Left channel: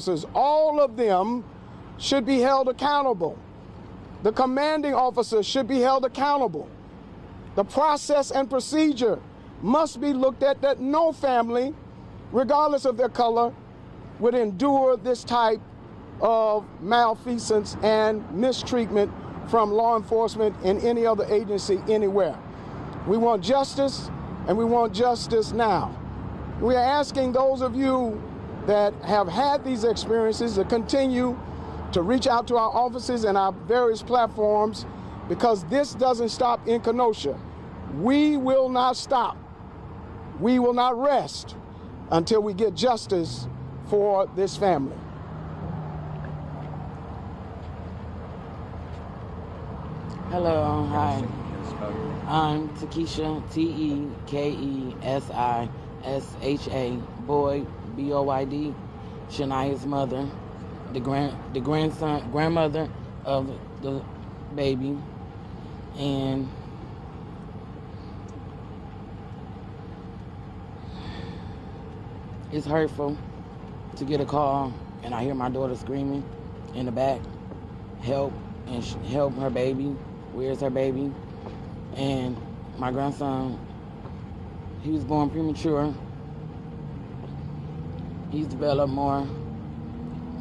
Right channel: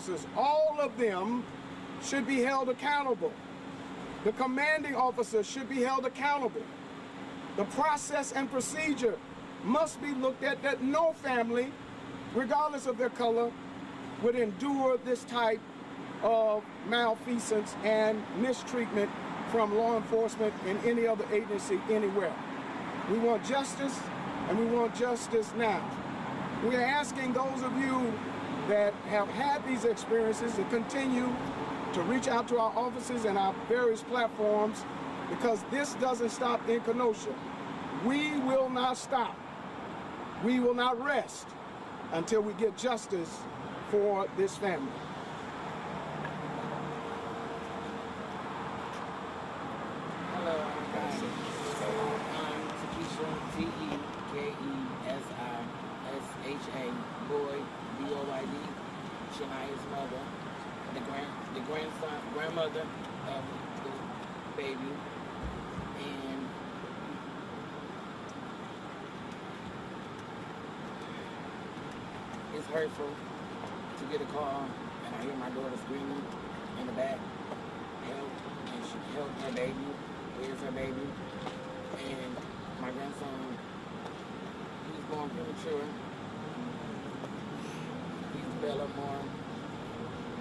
officers, all of them should be held accountable. The commanding officer should be held accountable. The process and procedure must be looked at, that no family, regardless of their color, would endure this type of malfeasance and mistreatment from law enforcement and any other agency anywhere. We want justice, and we want justice now. We are asking those of you that have had these experiences to continue to reach out to our offices and our various platforms, because this doesn't stop in Kenosha. We will not stop. We will not rest until we get justice for this family. Hello, hi. I'm Takesha, Tekesisha, boy, B-O-Y-D, Shania's mother, the grandmother of the baby, and it's hurtful to get a call and I hear my daughter screaming in the back, help, and help her baby, where's her baby? And my grandson, he was born premature. He's developed more,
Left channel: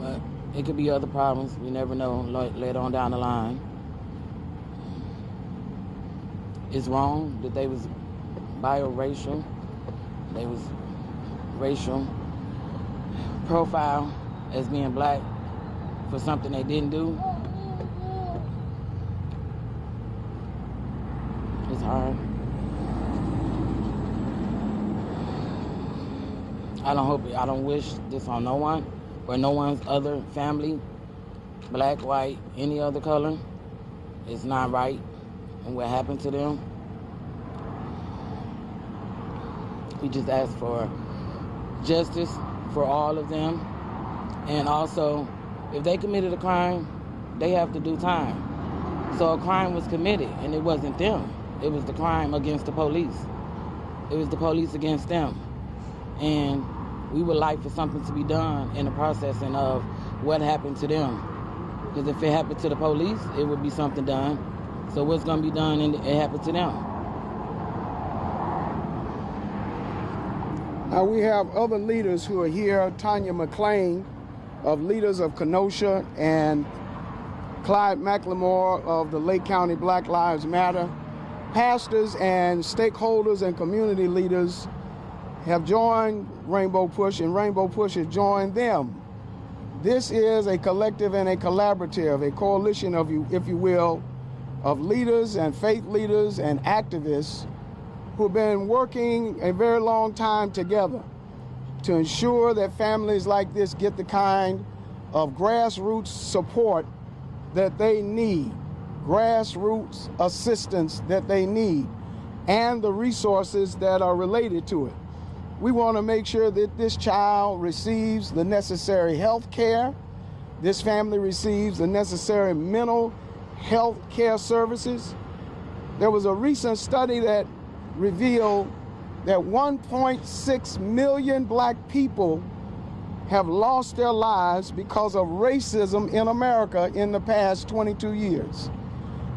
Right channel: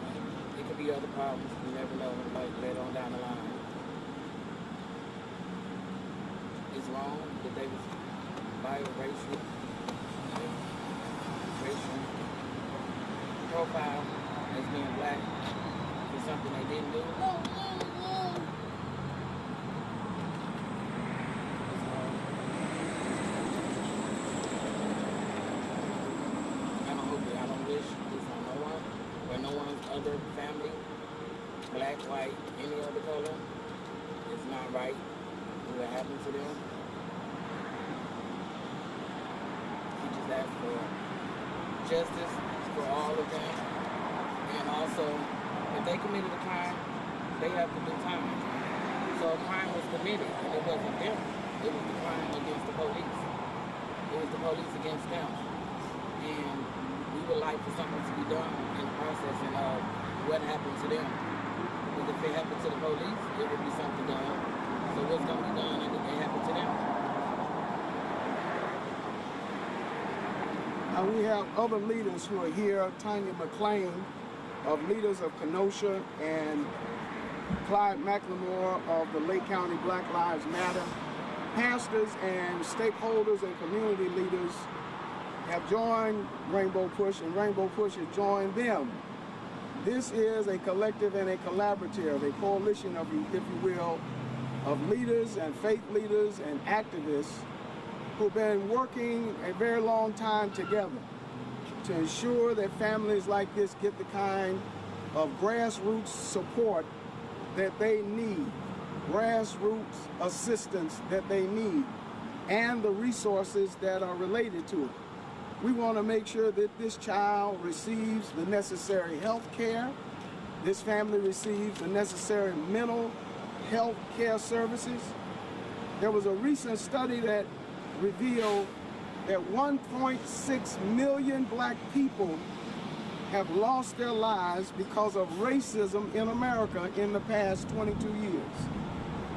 but it could be other problems. We never know later on down the line. It's wrong that they was biracial. They was racial profile as being black for something they didn't do. It's hard. I don't wish this on no one or no one's other family, black, white, any other color. It's not right. And what happened to them, we just ask for justice for all of them. And also, if they committed a crime, they have to do time. So a crime was committed, and it wasn't them. It was the crime against the police. It was the police against them. And we would like for something to be done in the processing of what happened to them. Because if it happened to the police, it would be something done. So what's going to be done and it happened to them? Now we have other leaders who are here. Tanya McClain of Leaders of Kenosha and Clyde McLemore of the Lake County Black Lives Matter. Pastors and stakeholders and community leaders have joined Rainbow Push, and Rainbow Push has joined them. This is a collective and a collaborative, a coalition of, if you will, of leaders and faith leaders and activists who've been working a very long time together to ensure that families like this get the kind of grassroots support that they need, grassroots assistance that they need, and the resources that are related to it. We want to make sure that this child receives the necessary health care, this family receives the necessary mental health care services. There was a recent study that revealed that 1.6 million black people have lost their lives because of racism in America in the past 22 years.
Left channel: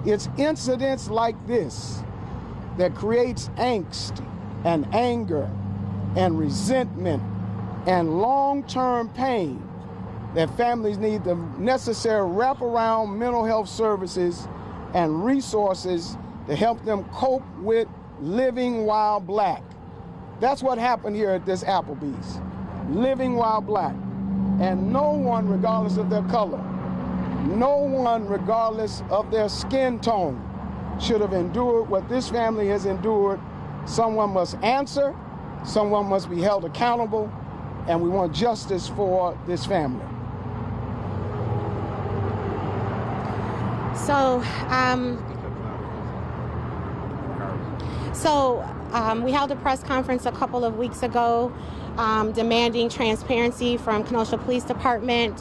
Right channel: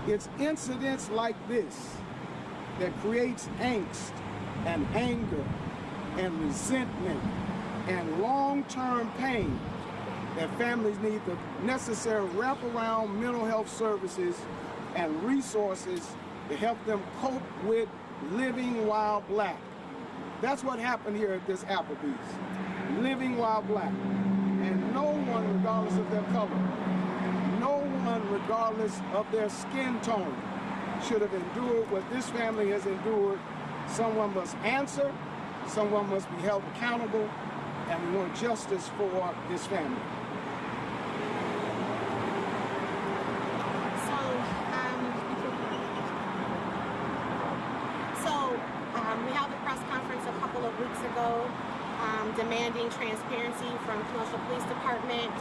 It's incidents like this that creates angst and anger and resentment and long-term pain that families need the necessary wraparound mental health services and resources to help them cope with living while black. That's what happened here at this Applebee's, living while black. And no one, regardless of their color, no one, regardless of their skin tone, should have endured what this family has endured. Someone must answer, someone must be held accountable, and we want justice for this family. We held a press conference a couple of weeks ago demanding transparency from Kenosha Police Department,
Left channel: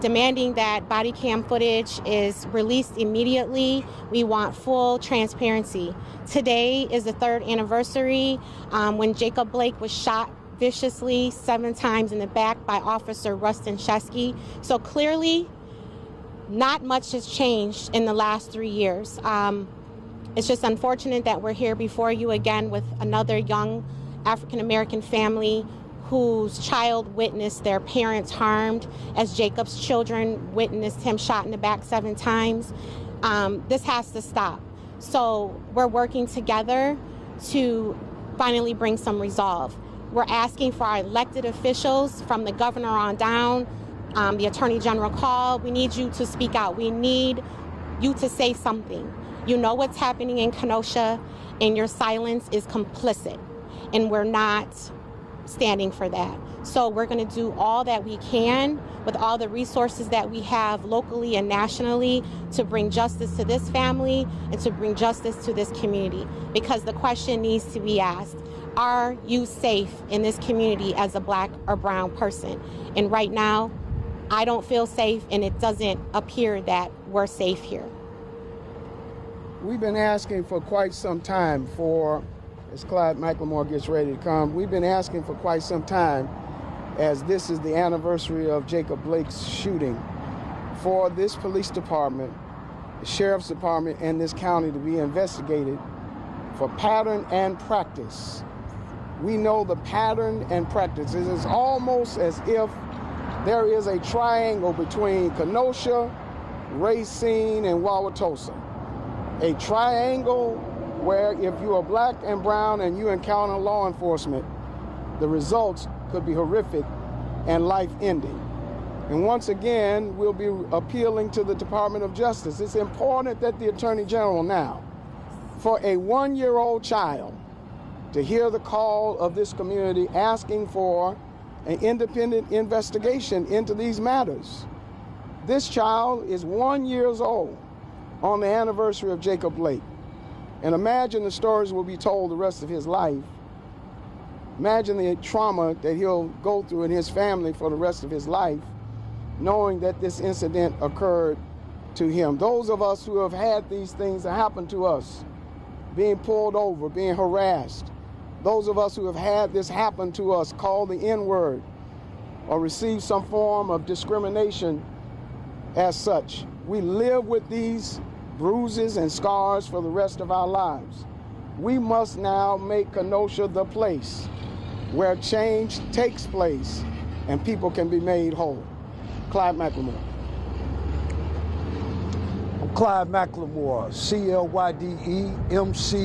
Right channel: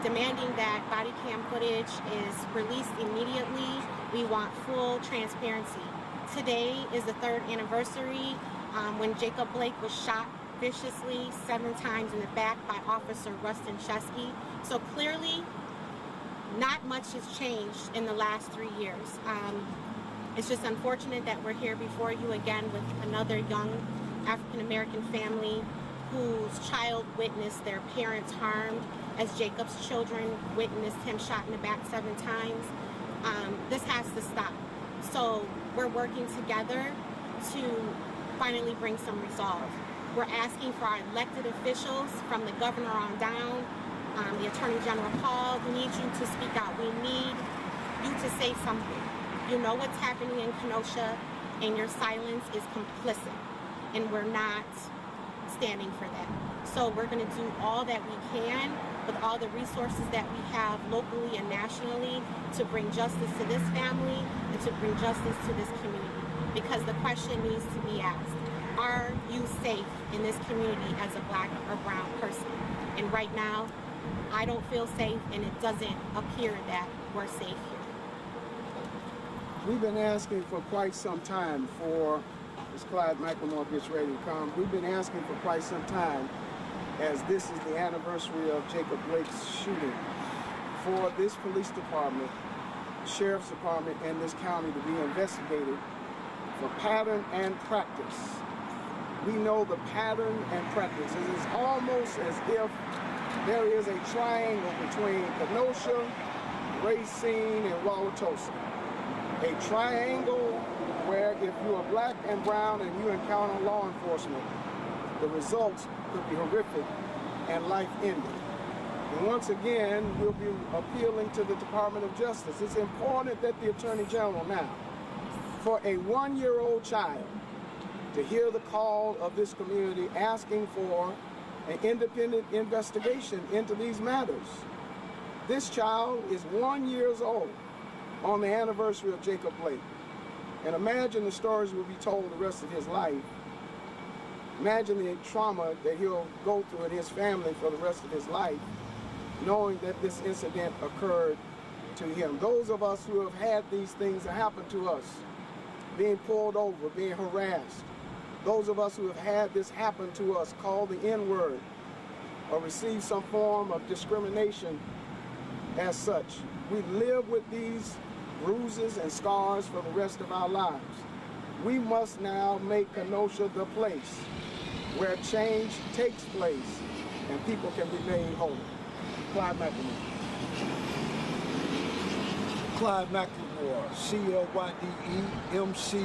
demanding that body cam footage is released immediately. We want full transparency. Today is the 3rd anniversary when Jacob Blake was shot viciously 7 times in the back by Officer Rustin Shesky. So clearly, not much has changed in the last 3 years. It's just unfortunate that we're here before you again with another young African-American family whose child witnessed their parents harmed, as Jacob's children witnessed him shot in the back 7 times. This has to stop. So we're working together to finally bring some resolve. We're asking for our elected officials from the governor on down, the Attorney General call. We need you to speak out. We need you to say something. You know what's happening in Kenosha, and your silence is complicit, and we're not standing for that. So we're going to do all that we can with all the resources that we have locally and nationally to bring justice to this family and to bring justice to this community, because the question needs to be asked: are you safe in this community as a Black or brown person? And right now, I don't feel safe, and it doesn't appear that we're safe here. We've been asking for quite some time for, as Clyde McLemore gets ready to come, we've been asking for quite some time, as this is the anniversary of Jacob Blake's shooting, for this police department, the sheriff's department, and this county to be investigated for pattern and practice. We know the pattern and practice. It is almost as if there is a triangle between Kenosha, Racine, and Wauwatosa. A triangle where if you are Black and brown and you encounter law enforcement, the results could be horrific and life-ending. And once again, we'll be appealing to the Department of Justice. It's important that the Attorney General now, for a 1-year-old child to hear the call of this community asking for an independent investigation into these matters. This child is 1 year old on the anniversary of Jacob Blake. And imagine the stories will be told the rest of his life. Imagine the trauma that he'll go through in his family for the rest of his life, knowing that this incident occurred to him. Those of us who have had these things happen to us, being pulled over, being harassed, those of us who have had this happen to us, called the N-word, or received some form of discrimination as such, we live with these bruises and scars for the rest of our lives. We must now make Kenosha the place where change takes place and people can be made whole. Clyde McLemore. I'm Clyde McLemore, C-L-Y-D-E-M-C,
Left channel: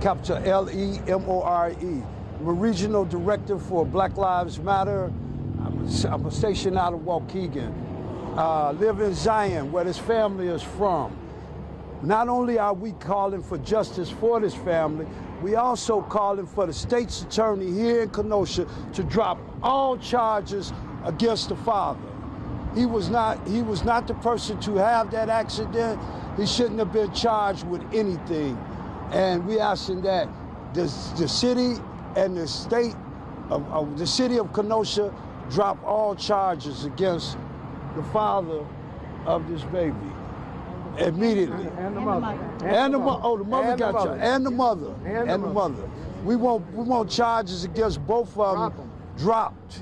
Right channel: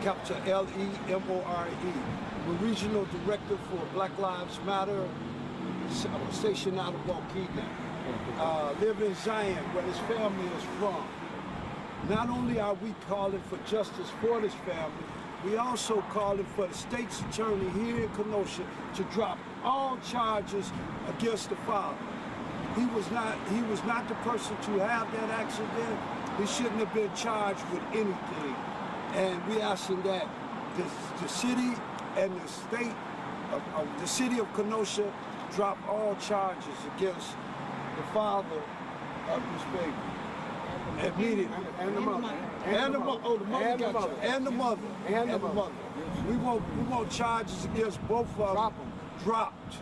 capital L-E-M-O-R-E. I'm a regional director for Black Lives Matter. I'm stationed out of Waukegan. Live in Zion, where this family is from. Not only are we calling for justice for this family, we also calling for the state's attorney here in Kenosha to drop all charges against the father. He was not the person to have that accident. He shouldn't have been charged with anything. And we asking that the city and the state of the city of Kenosha drop all charges against the father of this baby immediately. And the mother. And the mother. Oh, the mother And the got mother. charged. And the mother. And the mother. We want charges against both of them dropped.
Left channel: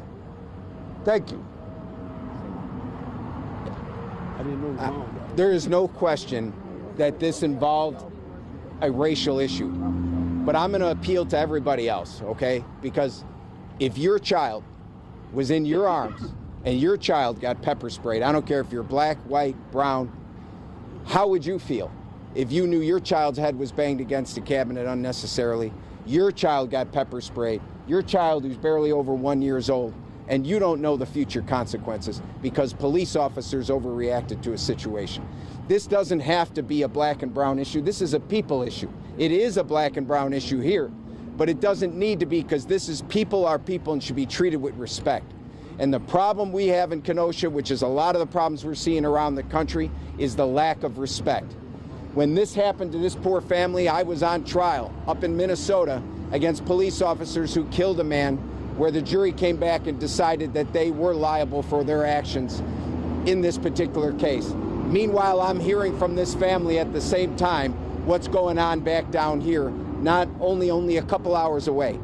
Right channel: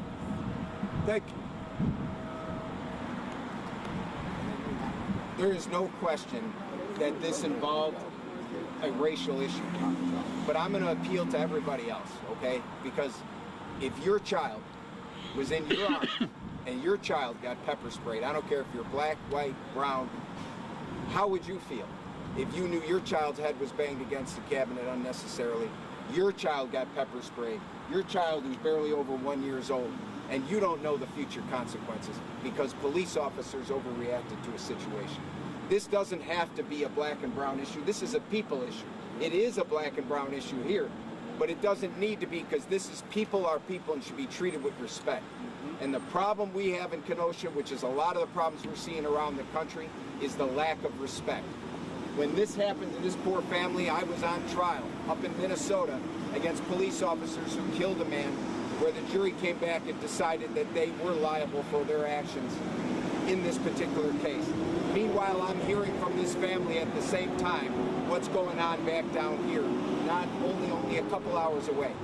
Thank you. There is no question that this involved a racial issue. But I'm going to appeal to everybody else, okay? Because if your child was in your arms and your child got pepper sprayed, I don't care if you're Black, white, brown, how would you feel if you knew your child's head was banged against the cabinet unnecessarily, your child got pepper sprayed, your child who's barely over 1 year old, and you don't know the future consequences because police officers overreacted to a situation? This doesn't have to be a Black and brown issue. This is a people issue. It is a Black and brown issue here, but it doesn't need to be, because this is people are people and should be treated with respect. And the problem we have in Kenosha, which is a lot of the problems we're seeing around the country, is the lack of respect. When this happened to this poor family, I was on trial up in Minnesota against police officers who killed a man, where the jury came back and decided that they were liable for their actions in this particular case. Meanwhile, I'm hearing from this family at the same time what's going on back down here, not only a couple hours away.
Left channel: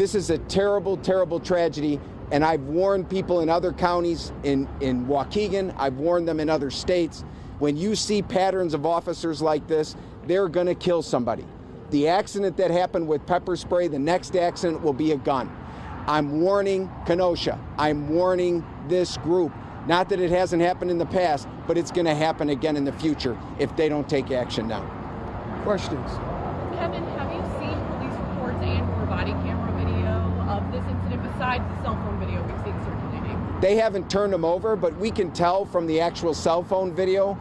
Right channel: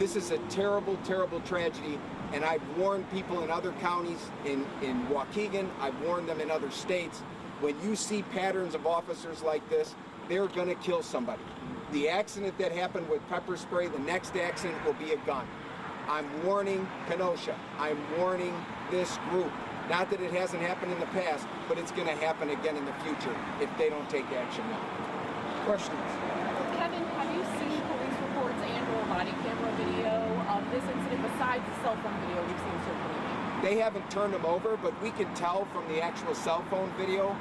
This is a terrible, terrible tragedy, and I've warned people in other counties, in Waukegan, I've warned them in other states. When you see patterns of officers like this, they're going to kill somebody. The accident that happened with pepper spray, the next accident will be a gun. I'm warning Kenosha. I'm warning this group. Not that it hasn't happened in the past, but it's going to happen again in the future if they don't take action now. Questions? Kevin, have you seen police reports and/or body camera video of this incident besides the cell phone video we've seen circulating? They haven't turned them over, but we can tell from the actual cell phone video.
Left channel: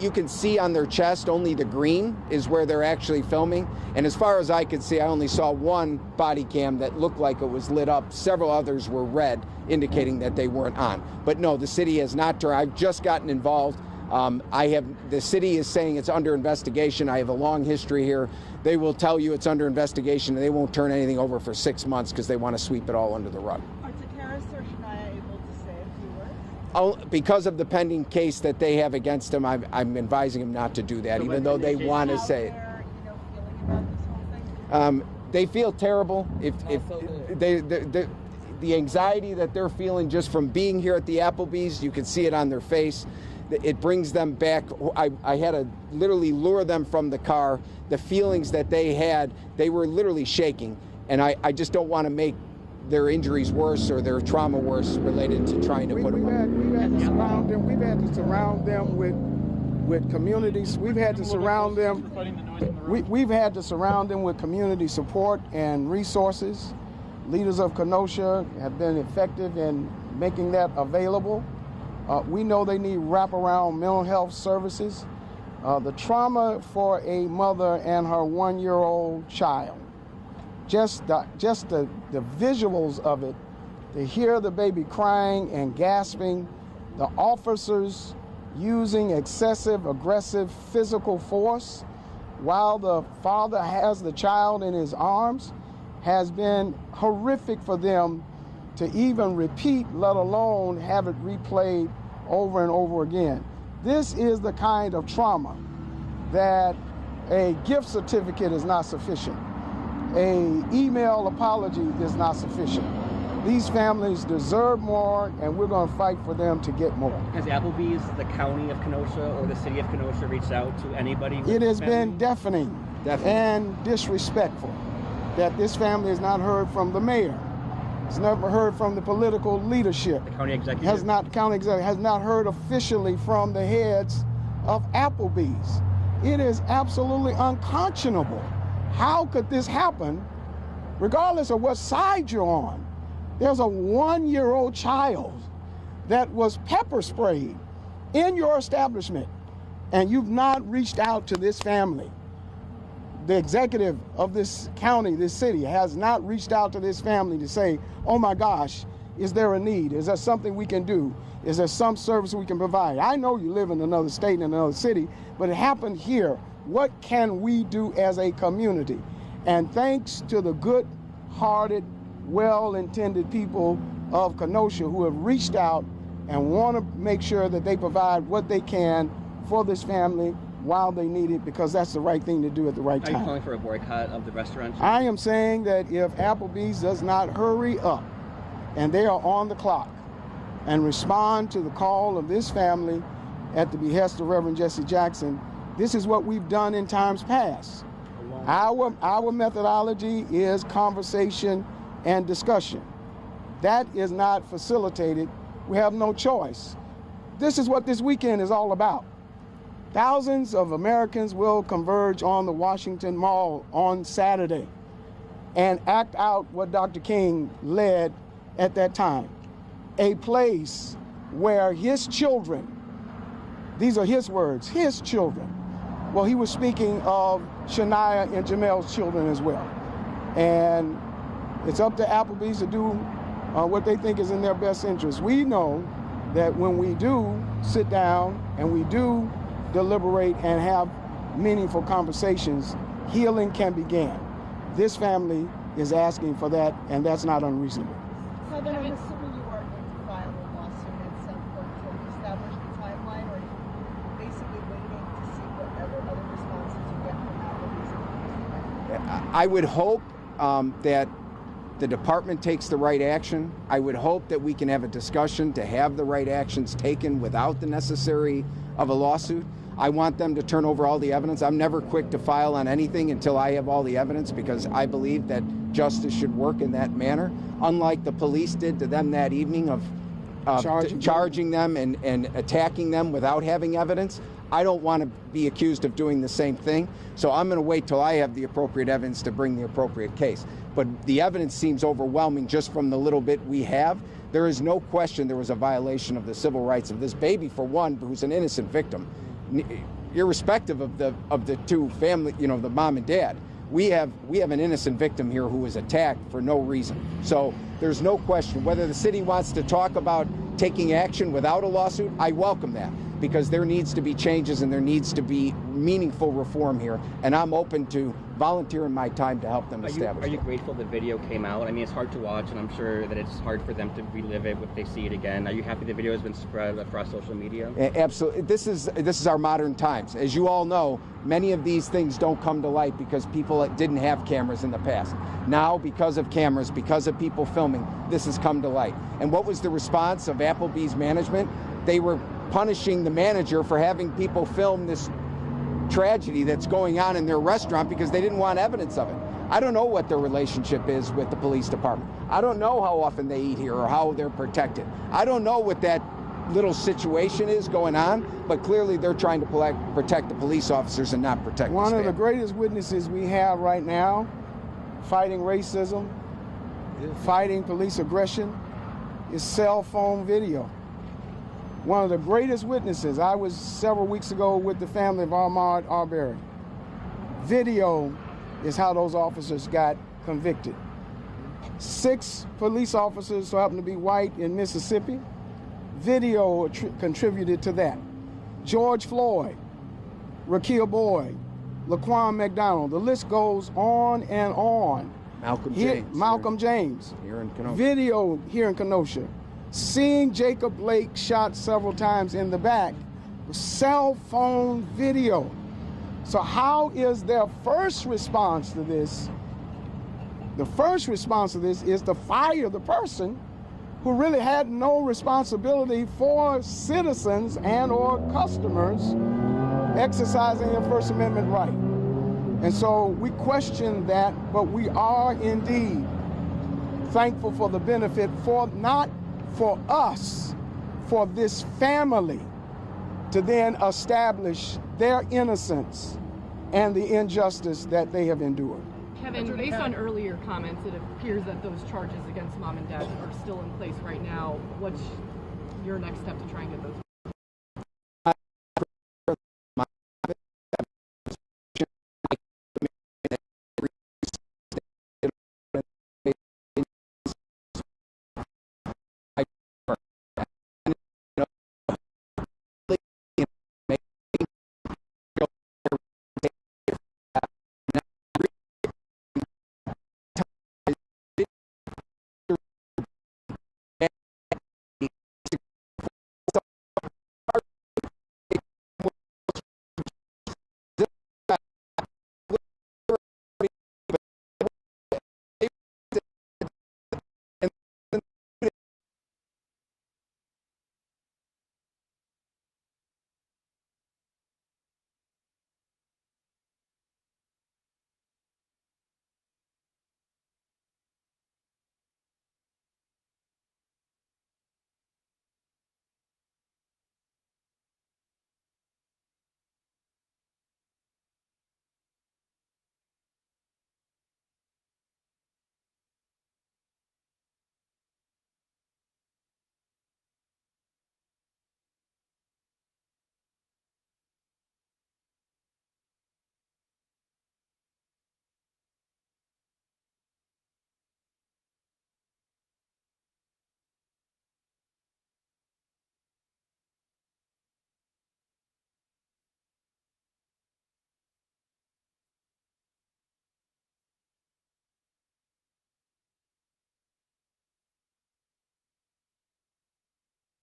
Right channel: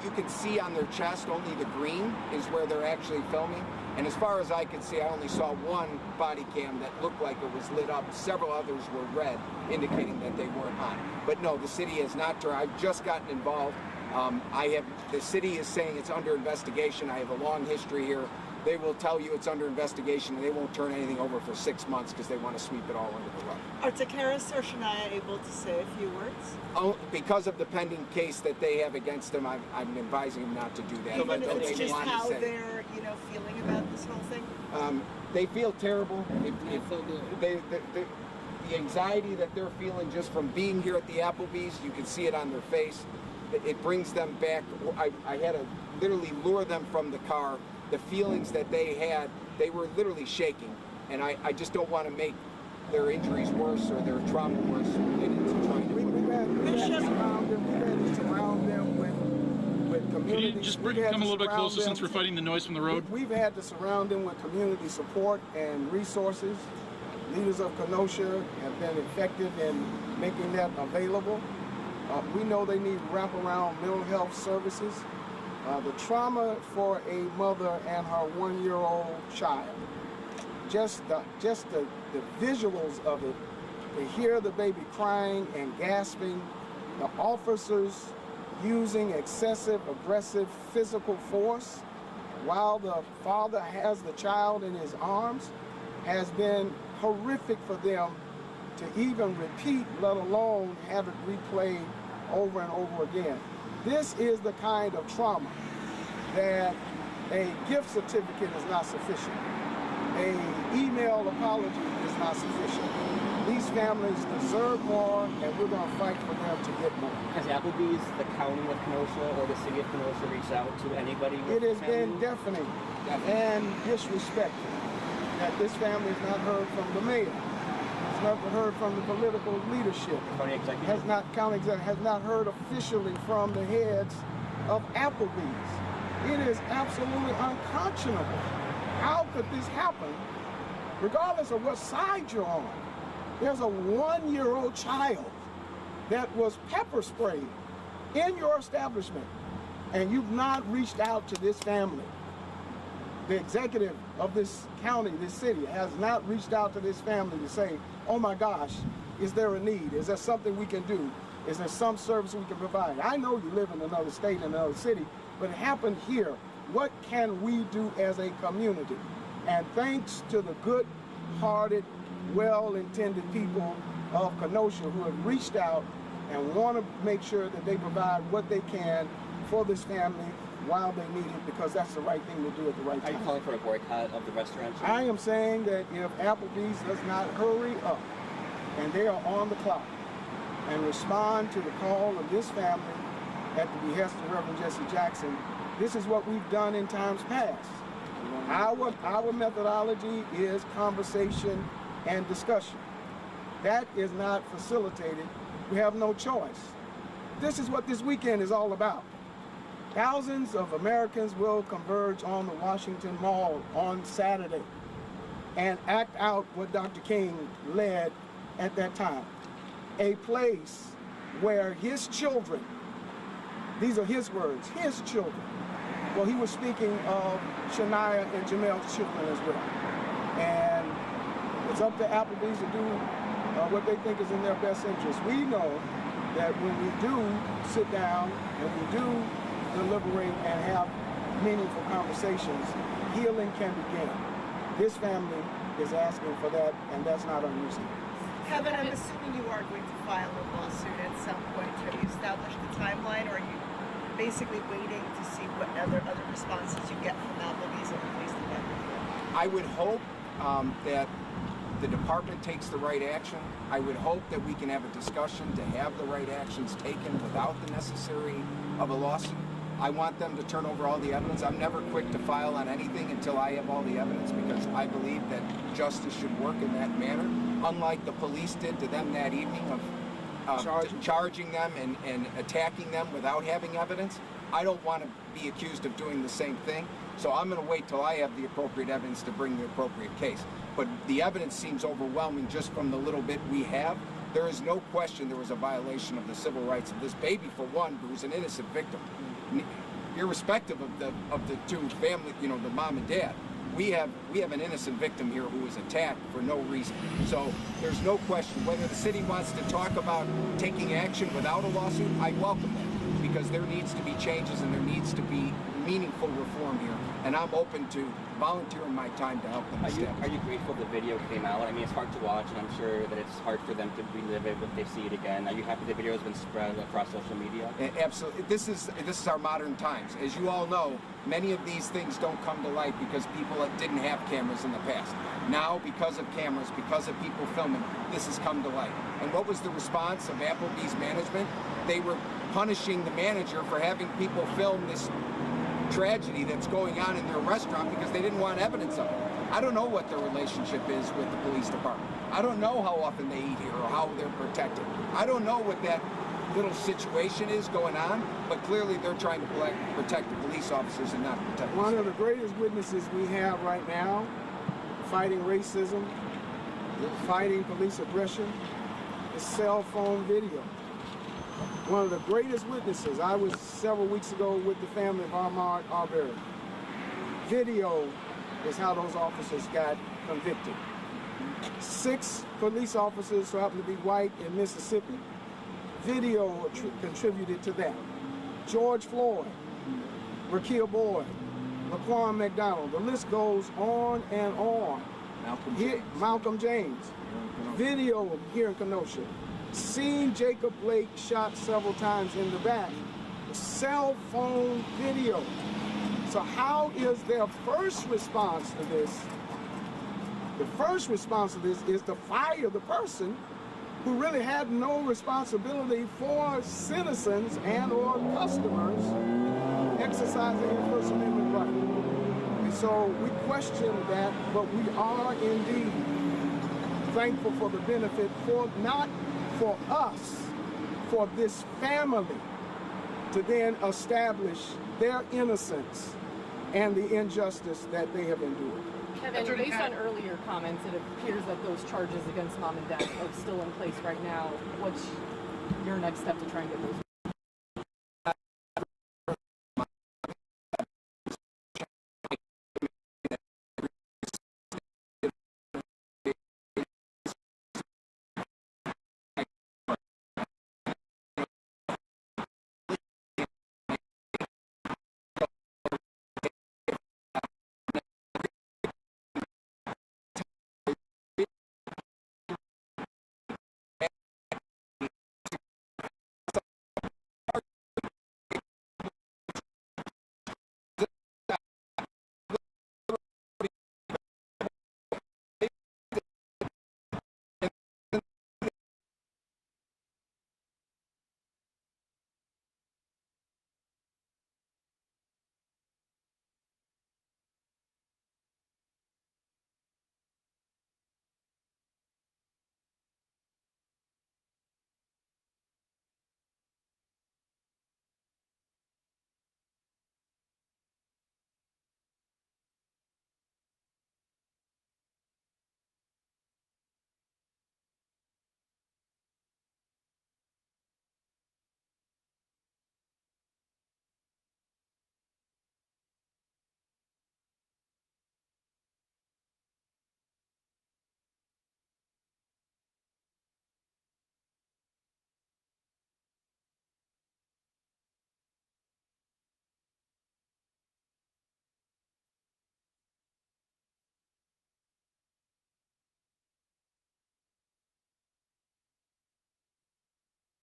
You can see on their chest only the green is where they're actually filming. And as far as I could see, I only saw one body cam that looked like it was lit up. Several others were red, indicating that they weren't on. But no, the city has not. I've just gotten involved. The city is saying it's under investigation. I have a long history here. They will tell you it's under investigation, and they won't turn anything over for 6 months because they want to sweep it all under the rug. Are Takaris or Shania able to say a few words? Because of the pending case that they have against them, I'm advising them not to do that, even though they want to say it. They're, feeling about this whole thing? They feel terrible. The anxiety that they're feeling just from being here at the Applebee's, you can see it on their face. It brings them back. I had to literally lure them from the car. The feelings that they had, they were literally shaking. And I just don't want to make their injuries worse or their trauma worse related to trying to put them on. We've had to surround them with communities. We've had to surround them. Since we're fighting the noise from the road. We've had to surround them with community support and resources. Leaders of Kenosha have been effective in making that available. We know they need wraparound mental health services. The trauma for a mother and her 1-year-old child, just the visuals of it, to hear the baby crying and gasping, the officers using excessive, aggressive physical force while the father has the child in his arms, has been horrific for them to even repeat, let alone have it replayed over and over again. This is the kind of trauma that a gift certificate is not sufficient. An email apology is not sufficient. These families deserve more, and we're going to fight for them to get more. Has Applebee's, the county of Kenosha, or the city of Kenosha reached out to anybody? It has been deafening and disrespectful that this family has not heard from the mayor. Has never heard from the political leadership. County executive? Has not heard officially from the heads of Applebee's. It is absolutely unconscionable. How could this happen, regardless of what side you're on? There's a 1-year-old child that was pepper sprayed in your establishment, and you've not reached out to this family. The executive of this county, this city, has not reached out to this family to say, oh my gosh, is there a need? Is there something we can do? Is there some service we can provide? I know you live in another state and another city, but it happened here. What can we do as a community? And thanks to the good-hearted, well-intended people of Kenosha who have reached out and want to make sure that they provide what they can for this family while they need it, because that's the right thing to do at the right time. Are you calling for a boycott of the restaurant? I am saying that if Applebee's does not hurry up, and they are on the clock, and respond to the call of this family at the behest of Reverend Jesse Jackson, this is what we've done in times past. Our methodology is conversation and discussion. That is not facilitated. We have no choice. This is what this weekend is all about. Thousands of Americans will converge on the Washington Mall on Saturday and act out what Dr. King led at that time. A place where his children, these are his words, his children. Well, he was speaking of Shania and Jamel's children as well. And it's up to Applebee's to do what they think is in their best interest. We know that when we do sit down and we do deliberate and have meaningful conversations, healing can begin. This family is asking for that, and that's not unreasonable. Kevin, I'm assuming you are going to file a lawsuit at some point. Have you established the timeline, or are you basically waiting to see what other responses you get from Applebee's and the police department? I would hope that the department takes the right action. I would hope that we can have a discussion to have the right actions taken without the necessary of a lawsuit. I want them to turn over all the evidence. I'm never quick to file on anything until I have all the evidence, because I believe that justice should work in that manner, unlike the police did to them that evening of charging them and attacking them without having evidence. I don't want to be accused of doing the same thing, so I'm going to wait till I have the appropriate evidence to bring the appropriate case. But the evidence seems overwhelming just from the little bit we have. There is no question there was a violation of the civil rights of this baby, for one, who's an innocent victim, irrespective of the two family, you know, the mom and dad. We have an innocent victim here who was attacked for no reason. So there's no question whether the city wants to talk about taking action without a lawsuit. I welcome that, because there needs to be changes and there needs to be meaningful reform here, and I'm open to volunteering my time to help them establish. Are you grateful the video came out? I mean, it's hard to watch, and I'm sure that it's hard for them to relive it if they see it again. Are you happy the video has been spread across social media? Absolutely. This is our modern times. As you all know, many of these things don't come to light because people didn't have cameras in the past. Now, because of cameras, because of people filming, this has come to light. And what was the response of Applebee's management? They were punishing the manager for having people film this tragedy that's going on in their restaurant because they didn't want evidence of it. I don't know what their relationship is with the police department. I don't know how often they eat here or how they're protected. I don't know what that little situation is going on, but clearly they're trying to protect the police officers and not protect One of the greatest witnesses we have right now, fighting racism, fighting police aggression, is cell phone video. One of the greatest witnesses. I was several weeks ago with the family of Ahmaud Arbery. Video is how those officers got convicted. 6 police officers who happen to be white in Mississippi. Video contributed to that. George Floyd, Raquel Boyd, Laquan McDonald. The list goes on and on. Malcolm James. Video here in Kenosha. Seeing Jacob Blake shot several times in the back. Cell phone video. So how is their first response to this? The first response to this is to fire the person who really had no responsibility for citizens and or customers exercising their First Amendment right. And so we question that, but we are indeed thankful for the benefit, for not for us, for this family to then establish their innocence and the injustice that they have endured. Kevin, based on earlier comments, it appears that those charges against mom and dad are still in place right now. What's your next step to try and get those